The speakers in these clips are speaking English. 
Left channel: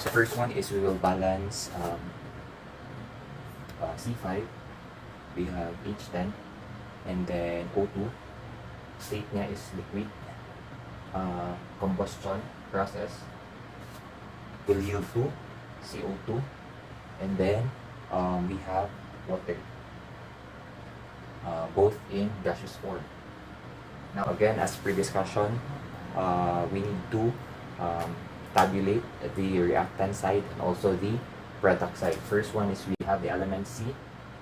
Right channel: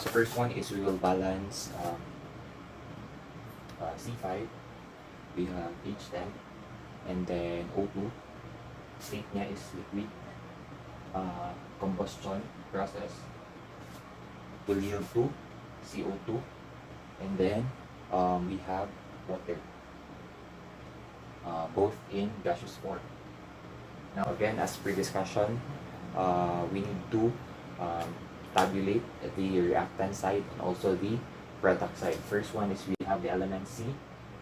So first one is we will balance C5, we have H10, and then O2. State niya is liquid. Combustion process will yield to CO2, and then we have water, both in gaseous form. Now again, as per discussion, we need to tabulate the reactant side and also the product side. First one is we have the elements C,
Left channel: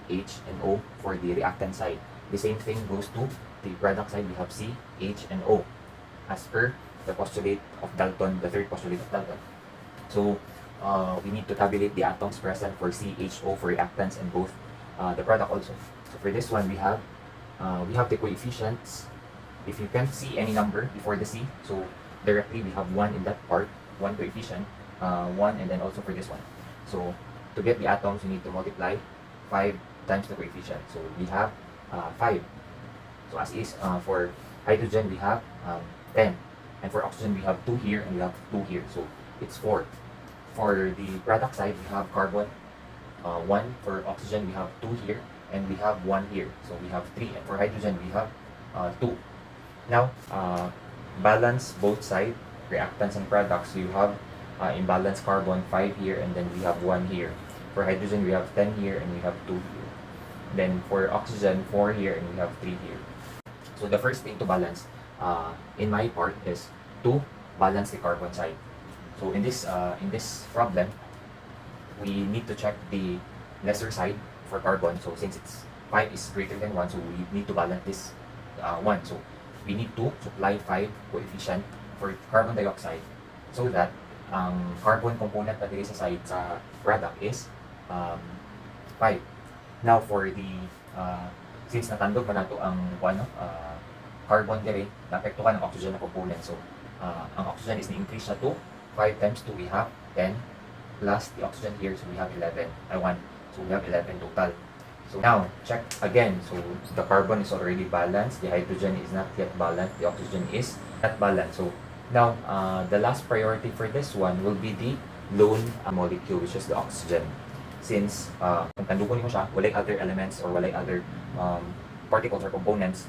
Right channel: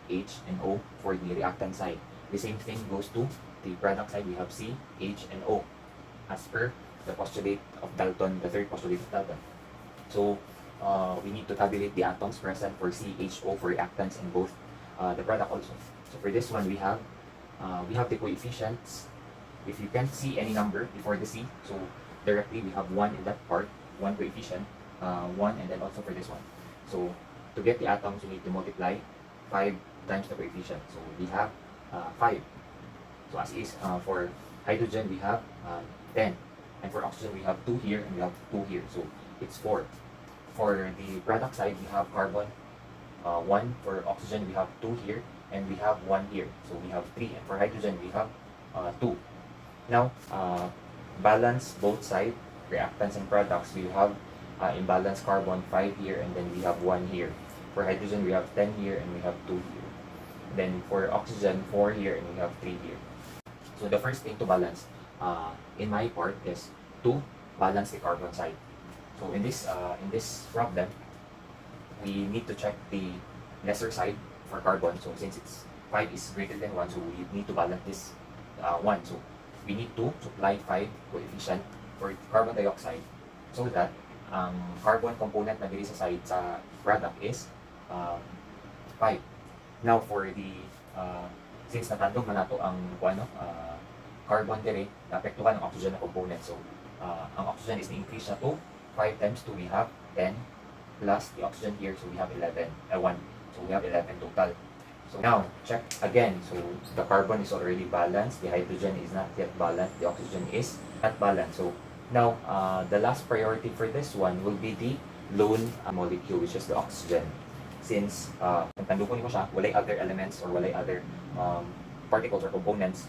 H, and O for the reactant side. The same thing goes to the product side. We have C, H, and O as per the postulate of Dalton, the third postulate of Dalton. So we need to tabulate the atoms present for C, H, O for reactants and both the product also. So for this one, we have the coefficients. If you can't see any number before the C, so directly we have 1 in that part, 1 coefficient, 1, and then also for this one. So to get the atoms, we need to multiply 5 times the coefficient. So we have 5. So as is, for hydrogen, we have 10. And for oxygen, we have 2 here and we have 2 here. So it's 4. For the product side, we have carbon, 1. For oxygen, we have 2 here and we have 1 here. So we have 3. And for hydrogen, we have 2. Now, balance both sides, reactants and products. We have in balance carbon 5 here and then we have 1 here. For hydrogen, we have 10 here and we have 2 here. Then for oxygen, 4 here and we have 3 here. So the first thing to balance in my part is to balance the carbon side. So in this problem, we need to check the lesser side for carbon. So since it's 5 is greater than 1, so we need to balance this 1. So we need to supply 5 coefficient for carbon dioxide so that ang carbon component na diri sa side sa product is 5. Now for the since natandog man nato ang carbon dire, naapektuhan ang oxygen na component. So ang oxygen is na-increase na to 5 times 2, we have 10 plus the oxygen here, so we have 11. So we have 11 total. So now, check again. So the carbon is already balanced, the hydrogen is not yet balanced, the oxygen is not balanced. So now, the last priority for this one will be the lone molecule, which is the oxygen. Since, kung tandukon mo siya, walay other elements or walay other particles or components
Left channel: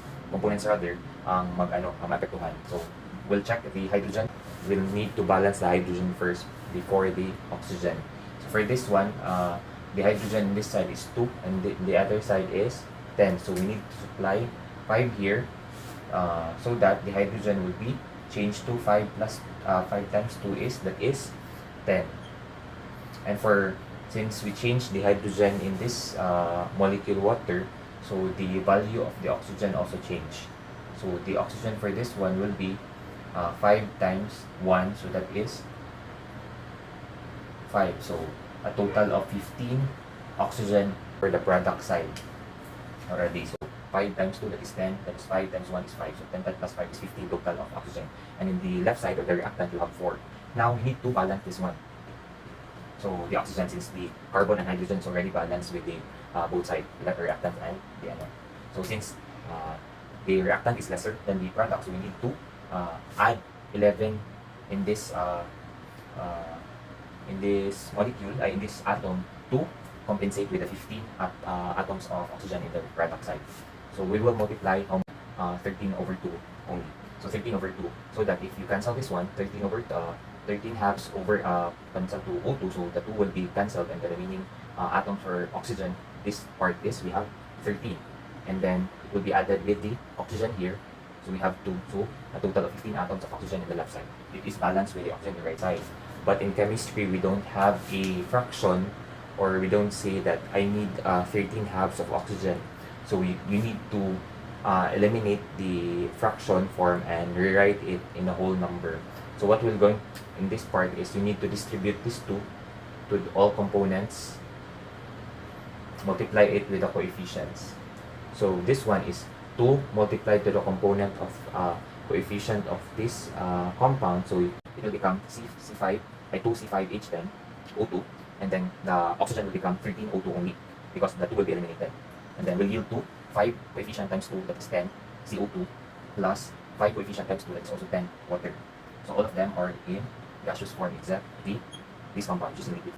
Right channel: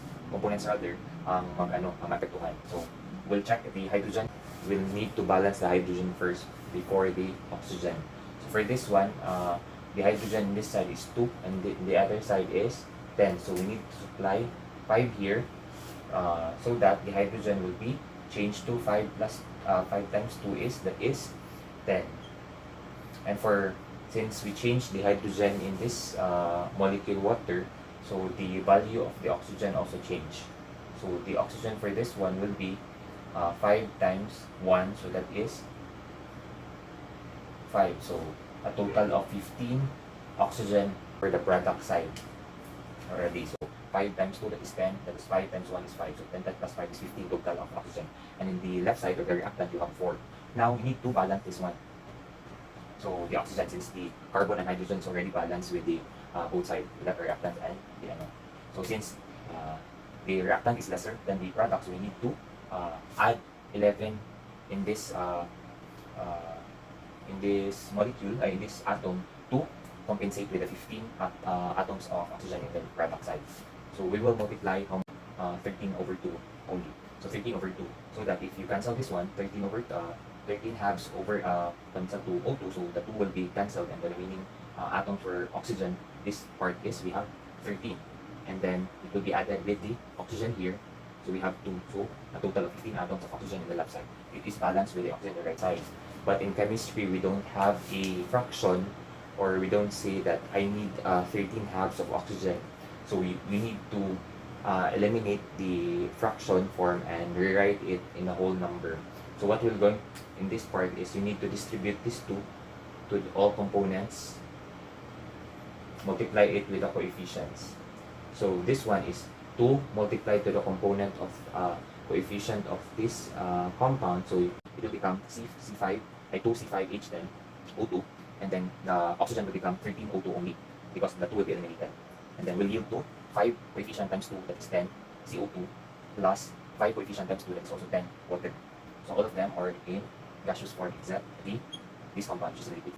rather, ang maapektuhan. So we'll check the hydrogen. We'll need to balance the hydrogen first before the oxygen. So for this one, the hydrogen in this side is 2 and the other side is 10. So we need to supply 5 here so that the hydrogen will be changed to 5 plus 5 times 2 is 10. And since we change the hydrogen in this molecule water, so the value of the oxygen also change. So the oxygen for this one will be 5 times 1, so that is 5. So a total of 15 oxygen for the product side already. So 5 times 2, that is 10. That is 5 times 1 is 5. So 10 plus 5 is 15 total of oxygen. And in the left side of the reactant, you have 4. Now, we need to balance this one. So the oxygen, since the carbon and hydrogen is already balanced with the both sides, the reactant and the other. So since the reactant is lesser than the product, so we need to add 11 in this molecule, in this atom, to compensate with the 15 atoms of oxygen in the product side. So we will multiply 13 over 2 only. So 13 over 2. So that if you cancel this one, 13 halves over cancel to O2, so the 2 will be cancelled and the remaining atoms for oxygen, this part is we have 13. And then it will be added with the oxygen here. So we have 2, so a total of 15 atoms of oxygen in the left side. It is balanced with the oxygen in the right side. But in chemistry, we don't have a fraction, or we don't say that I need 13 halves of oxygen. So we need to eliminate the fraction form and rewrite it in a whole number. So what we're going in this part is you need to distribute this 2 to all components, multiply it with the coefficients. So this one is 2 multiplied to the component of coefficient of this compound. So it will become C5 by 2C5H10 O2, and then the oxygen will become 13 O2 only because the 2 will be eliminated, and then will yield to 5 coefficient times 2, that is 10 CO2, plus 5 coefficient times 2, that is also 10 water. So all of them are in gaseous form, except the this compound, which is a liquid.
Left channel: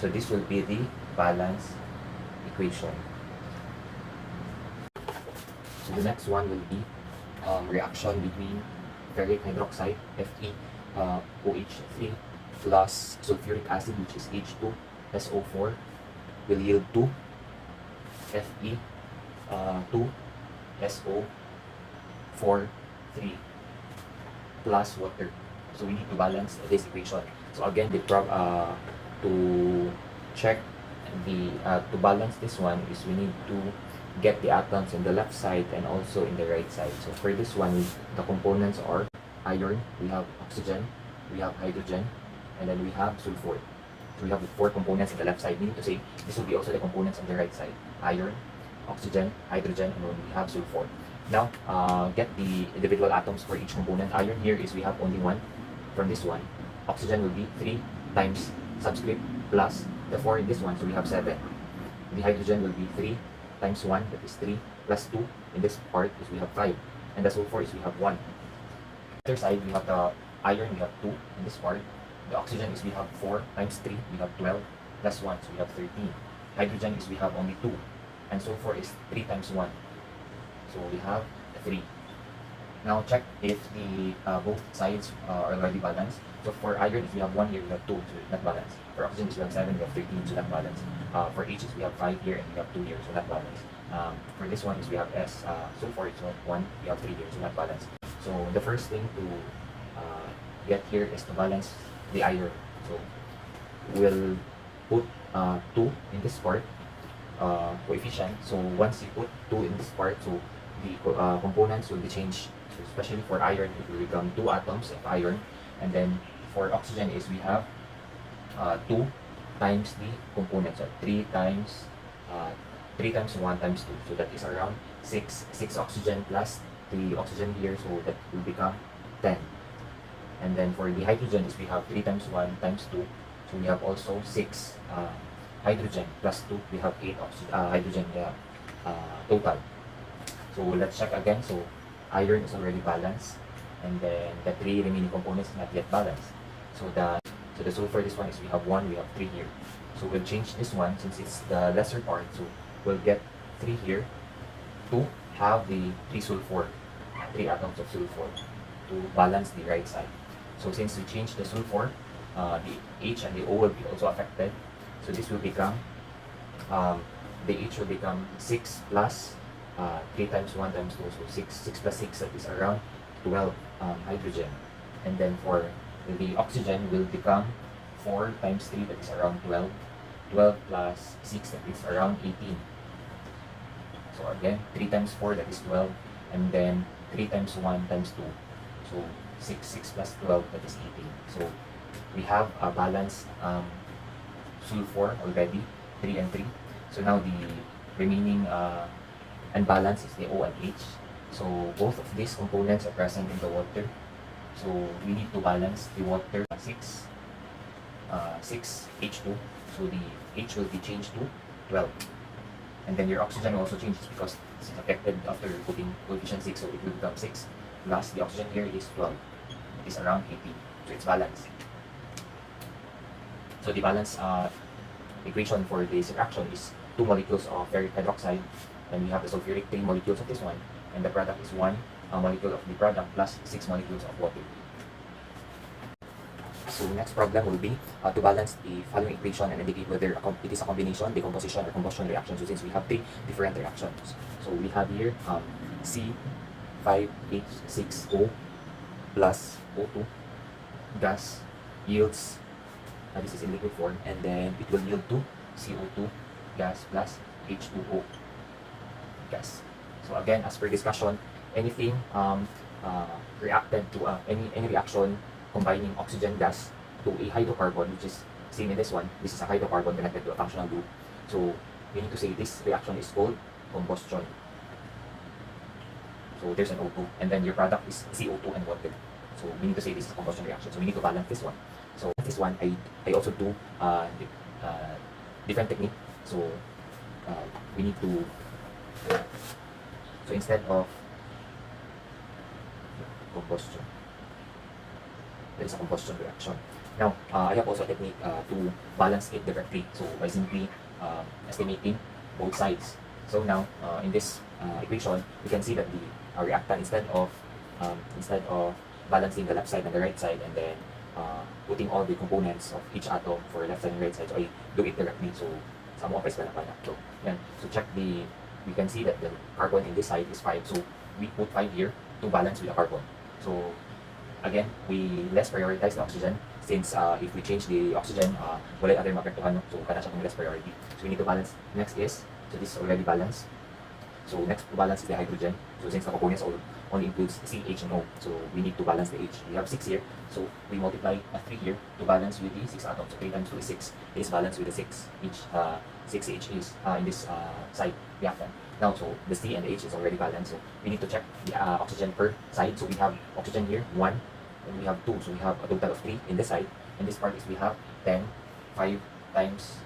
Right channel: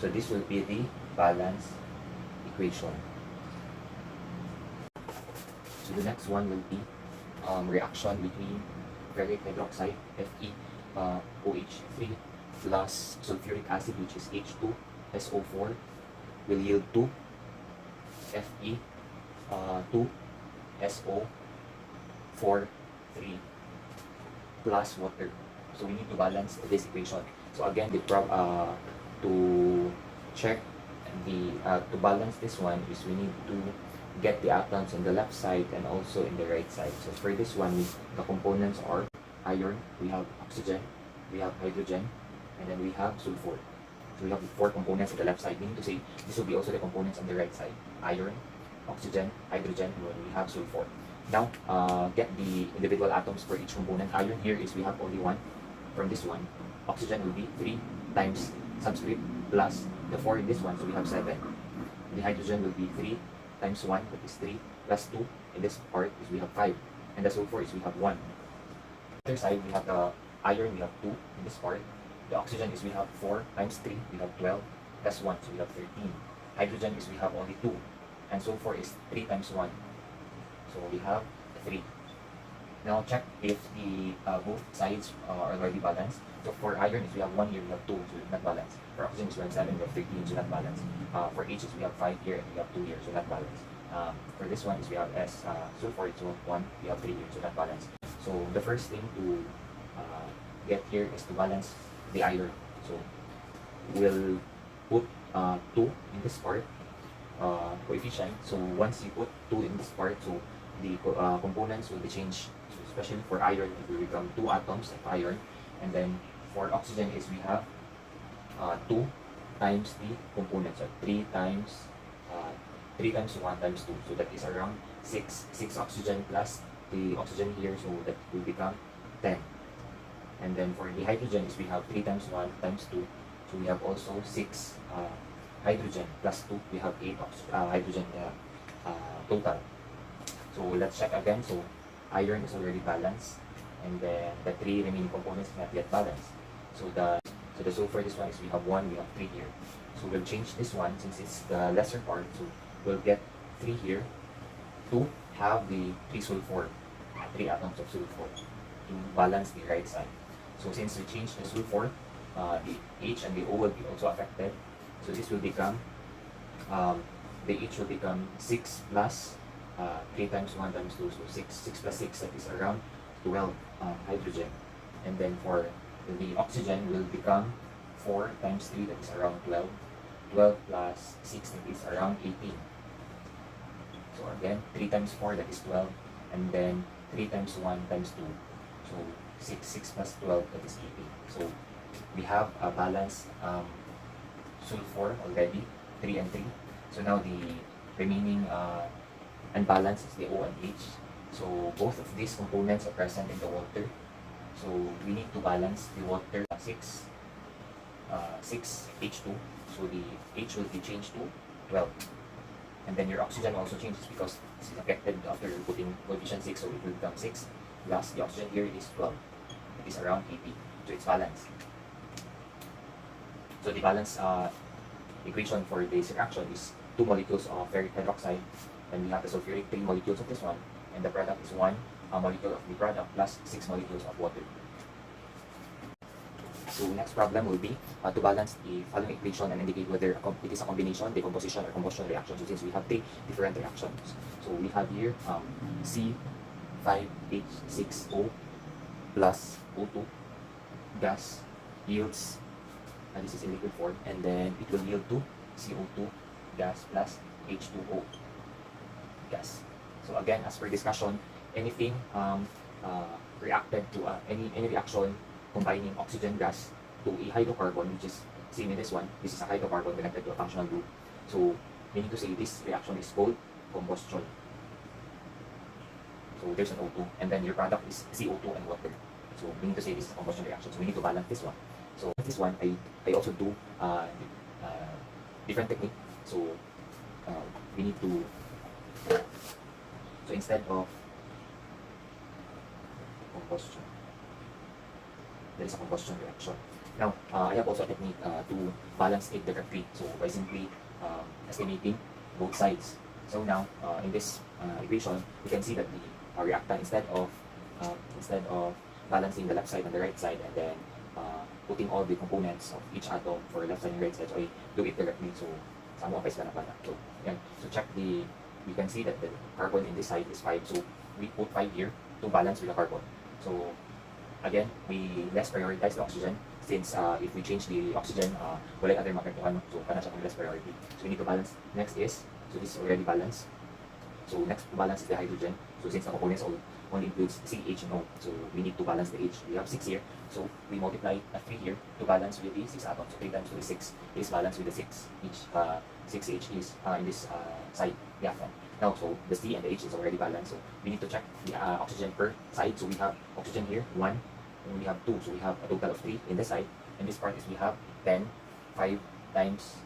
So this will be the balance equation. So the next one will be reaction between ferric hydroxide Fe OH3 plus sulfuric acid, which is H2SO4, will yield to Fe 2SO4 3 plus water. So we need to balance this equation. So again, to check to balance this one is we need to get the atoms in the left side and also in the right side. So for this one, the components are iron, we have oxygen, we have hydrogen, and then we have sulfur. So we have the 4 components in the left side. Meaning to say, this will be also the components on the right side. Iron, oxygen, hydrogen, and we have sulfur. Now, get the individual atoms for each component. Iron here is we have only 1 from this one. Oxygen will be 3 times subscript plus the 4 in this one, so we have 7. The hydrogen will be 3 times 1, that is 3 plus 2 in this part is we have 5. And the sulfur is we have 1. Other side, we have the iron, we have 2 in this part. The oxygen is we have 4 times 3, we have 12 plus 1, so we have 13. Hydrogen is we have only 2. And sulfur is 3 times 1. So we have 3. Now check if the both sides are already balanced. So for iron, if we have 1 here, we have 2, so not balanced. For oxygen, is we have 7, we have 13, so not balanced. For H, is we have 5 here and we have 2 here, so not balanced. For this one, is we have S, sulfur, so 1, we have 3 here, so not balanced. So the first thing to get here is to balance the iron. So we'll put 2 in this part, coefficient. So once you put 2 in this part, so the components will be changed. So especially for iron, it will become 2 atoms of iron. And then for oxygen is we have 2 times the components, so 3 times 1 times 2. So that is around 6 oxygen plus the oxygen here, so that will become 10. And then for the hydrogen is we have 3 times 1 times 2. So we have also 6 hydrogen plus 2. We have 8 hydrogen total. So let's check again. So iron is already balanced, and then the 3 remaining components not yet balanced. So the sulfur, this one is we have 1, we have 3 here. So we'll change this one since it's the lesser part. So we'll get 3 here to have the 3 sulfur, 3 atoms of sulfur to balance the right side. So since we change the sulfur, the H and the O will be also affected. So this will become, the H will become 6 plus 3 times 1 times 2, so 6 plus 6, that is around 12 hydrogen. And then for the oxygen will become 4 times 3, that is around 12. 12 plus 6, that is around 18. So again, 3 times 4, that is 12. And then 3 times 1 times 2. So 6 plus 12, that is 18. So we have a balanced sulfur already, 3 and 3. So now the remaining unbalanced is the O and H. So both of these components are present in the water. So we need to balance the water 6 H2. So the H will be changed to 12. And then your oxygen also changes because it's affected after putting coefficient 6, so it will become 6. Plus the oxygen here is 12. It is around 80. So it's balanced. So the balance equation for this reaction is 2 molecules of ferric hydroxide. Then we have the sulfuric 3 molecules of this one. And the product is 1 molecule of the product plus 6 molecules of water. So the next problem will be to balance the following equation and indicate whether it is a combination, decomposition, or combustion reaction. So since we have 3 different reactions. So we have here C5H6O plus O2 gas yields, this is in liquid form, and then it will yield to CO2 gas plus H2O gas. So again, as per discussion, anything reacted to any reaction combining oxygen gas to a hydrocarbon, which is same in this one. This is a hydrocarbon connected to a functional group. So meaning to say this reaction is called combustion. So there's an O2, and then your product is CO2 and water. So meaning to say this is a combustion reaction. So we need to balance this one. So this one, I also do different technique. So we need to, so instead of combustion, there is a combustion reaction. Now, I have also a technique to balance it directly. So by simply estimating both sides. So now, in this equation, we can see that the reactant, instead of balancing the left side and the right side, and then putting all the components of each atom for left side and right side, so I do it directly. So sa mo pa pala. So yan. So check we can see that the carbon in this side is 5. So we put 5 here to balance with the carbon. So again, we less prioritize the oxygen since if we change the oxygen, wala other maapektuhan, no? So kana siya kung less priority. So we need to balance. Next is, so this is already balanced. So next to balance is the hydrogen. So since the components only includes CH and O, so we need to balance the H. We have 6 here, so we multiply a 3 here to balance with the 6 atoms. So 3 times 2 is 6 is balanced with the 6. Each 6H is in this side reactant. Now, so the C and the H is already balanced. So we need to check the oxygen per side. So we have oxygen here 1, and we have 2. So we have a total of 3 in this side. And this part is we have 10, 5 times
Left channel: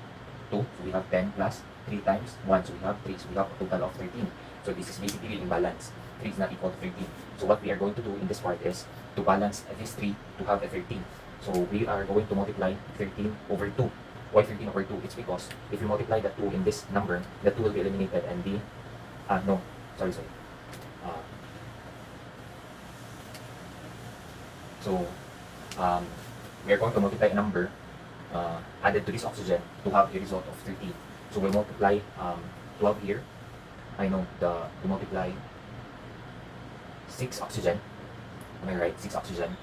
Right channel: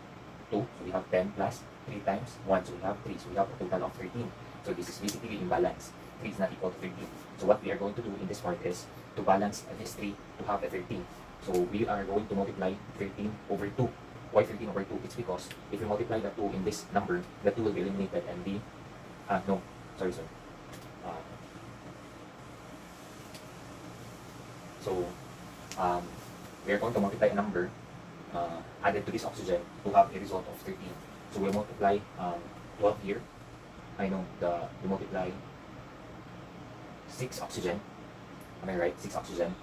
2. So we have 10 plus 3 times 1. So we have 3. So we have a total of 13. So this is basically imbalance. 3 is not equal to 13. So what we are going to do in this part is to balance this 3 to have a 13. So we are going to multiply 13 over 2. Why 13 over 2? It's because if you multiply the 2 in this number, the 2 will be eliminated and the no, sorry. So we are going to multiply a number added to this oxygen to have the result of 13. So we'll multiply 12 here. I know we multiply 6 oxygen. Am I right? 6 oxygen.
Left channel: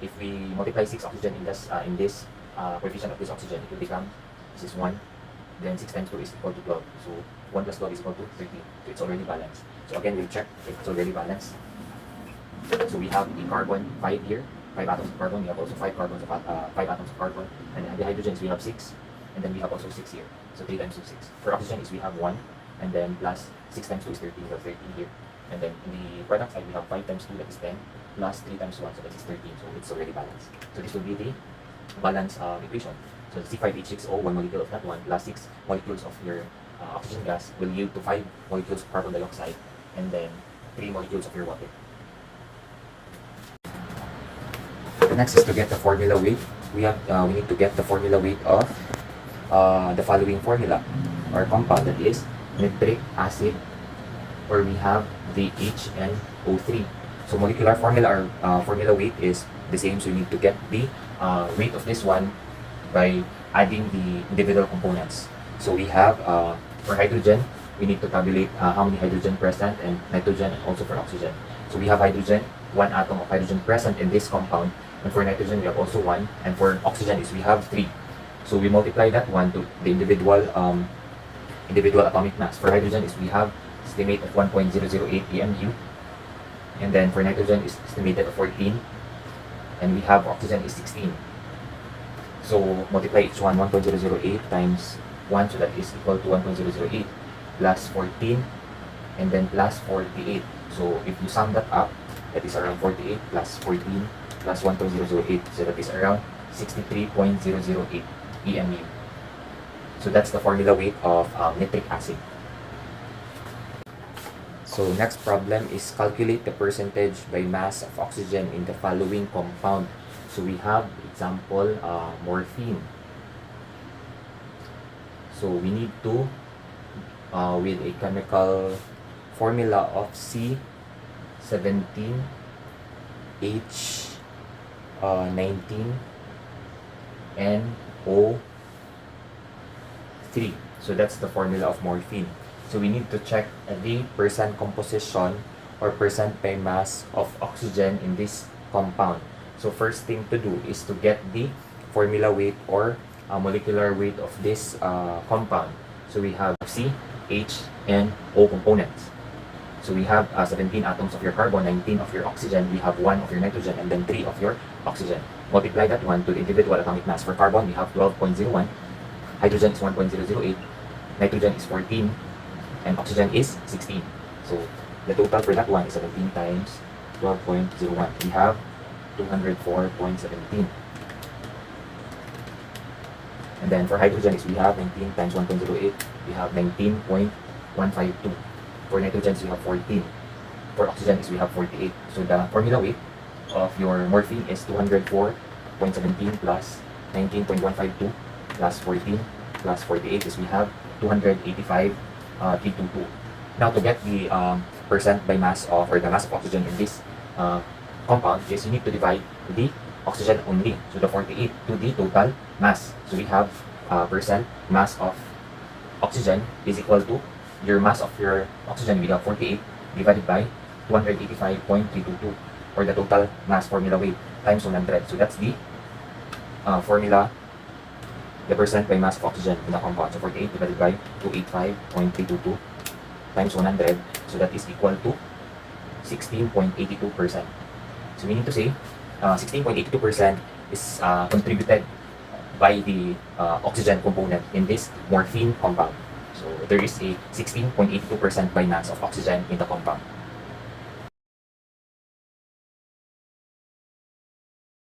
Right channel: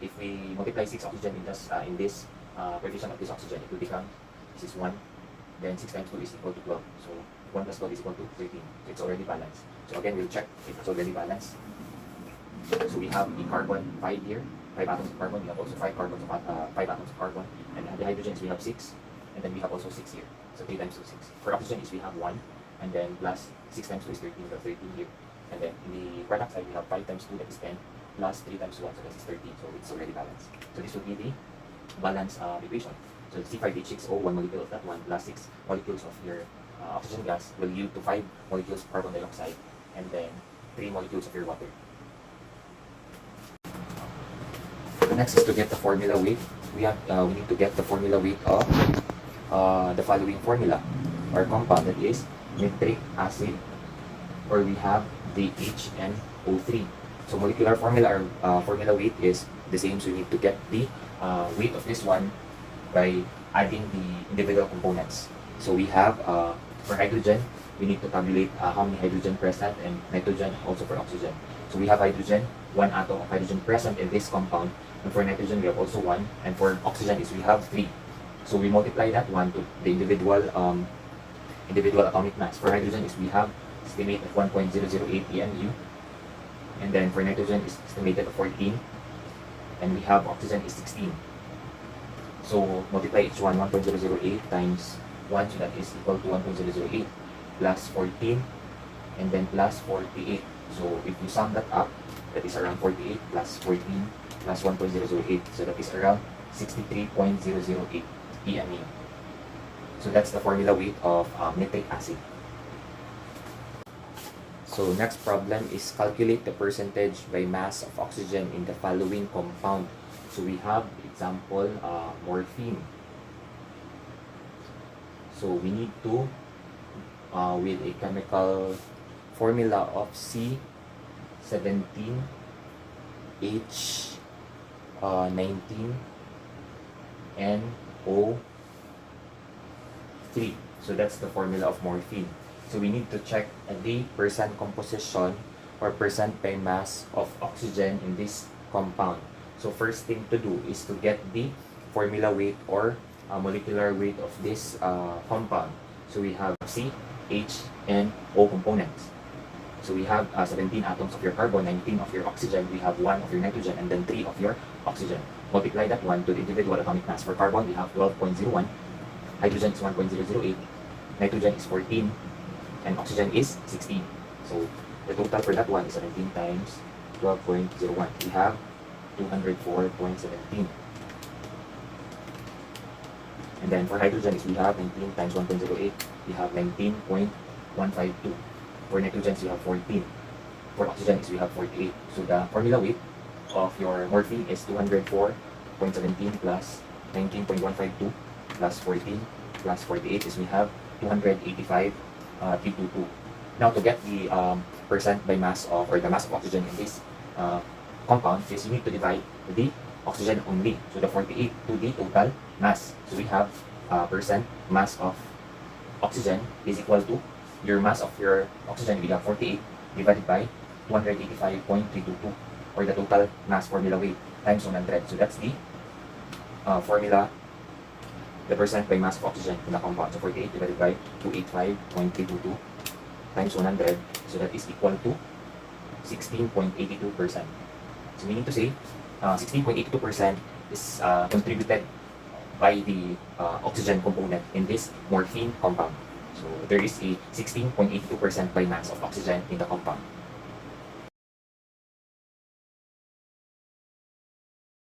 If we multiply 6 oxygen in this coefficient of this oxygen, it will become, this is 1. Then 6 times 2 is equal to 12. So 1 plus 12 is equal to 13. So it's already balanced. So again, we'll check if it's already balanced. So we have the carbon 5 here, 5 atoms of carbon. We have also 5 atoms of carbon. And the hydrogens we have 6. And then we have also 6 here. So 3 times 2 is 6. For oxygen is we have 1. And then plus 6 times 2 is 13. So 30 here. And then in the product side, we have 5 times 2, that is 10. Plus 3 times 1, so that is 13. So it's already balanced. So this will be the balance equation. So C5H6O, 1 molecule of that one, plus 6 molecules of your oxygen gas will yield to 5 molecules of carbon dioxide, and then 3 molecules of your water. The next is to get the formula weight. We need to get the formula weight of the following formula or compound, that is nitric acid, where we have the HNO3. So molecular formula or formula weight is the same. So we need to get the weight of this one by adding the individual components. So we have for hydrogen, we need to tabulate how many hydrogen present, and nitrogen, also for oxygen. So we have hydrogen, 1 atom of hydrogen present in this compound, and for nitrogen we have also 1, and for oxygen is we have 3. So we multiply that one to the individual atomic mass. For hydrogen is we have estimate of 1.008 EMU, and then for nitrogen is estimated of 14, and we have oxygen is 16. So multiply each one, 1.008 times 1, so that is equal to 1.008 plus 14, and then plus 48. So if you sum that up, that is around 48 plus 14 plus 1.008, so that is around 63.008 EMU. So that's the formula weight of nitric acid. So next problem is calculate the percentage by mass of oxygen in the following compound. So we have example morphine. So we need to with a chemical formula of C17H19NO3. So that's the formula of morphine. So we need to check the percent composition or percent by mass of oxygen in this compound. So first thing to do is to get the formula weight or molecular weight of this compound. So we have C, H, and O components. So we have 17 atoms of your carbon, 19 of your oxygen, we have 1 of your nitrogen, and then 3 of your oxygen. Multiply that one to the individual atomic mass. For carbon, we have 12.01, hydrogen is 1.008, nitrogen is 14, and oxygen is 16. So the total for that one is 17 times 12.01. We have 204.17. And then for hydrogen is we have 19 times 1.08. We have 19.152. For nitrogen we have 14. For oxygen is we have 48. So the formula weight of your morphine is 204.17. 0.17 plus 19.152 plus 14 plus 48 is we have 285 322. Now to get the percent by mass of, or the mass of oxygen in this compound is you need to divide the oxygen only. So the 48 to the total mass. So we have percent mass of oxygen is equal to your mass of your oxygen. We have 48 divided by 285.322, or the total mass formula weight times 100. So that's the formula, the percent by mass of oxygen in the compound. So 48 divided by 285.322 times 100. So that is equal to 16.82%. So we need to say 16.82% is contributed by the oxygen component in this morphine compound. So there is a 16.82% by mass of oxygen in the compound.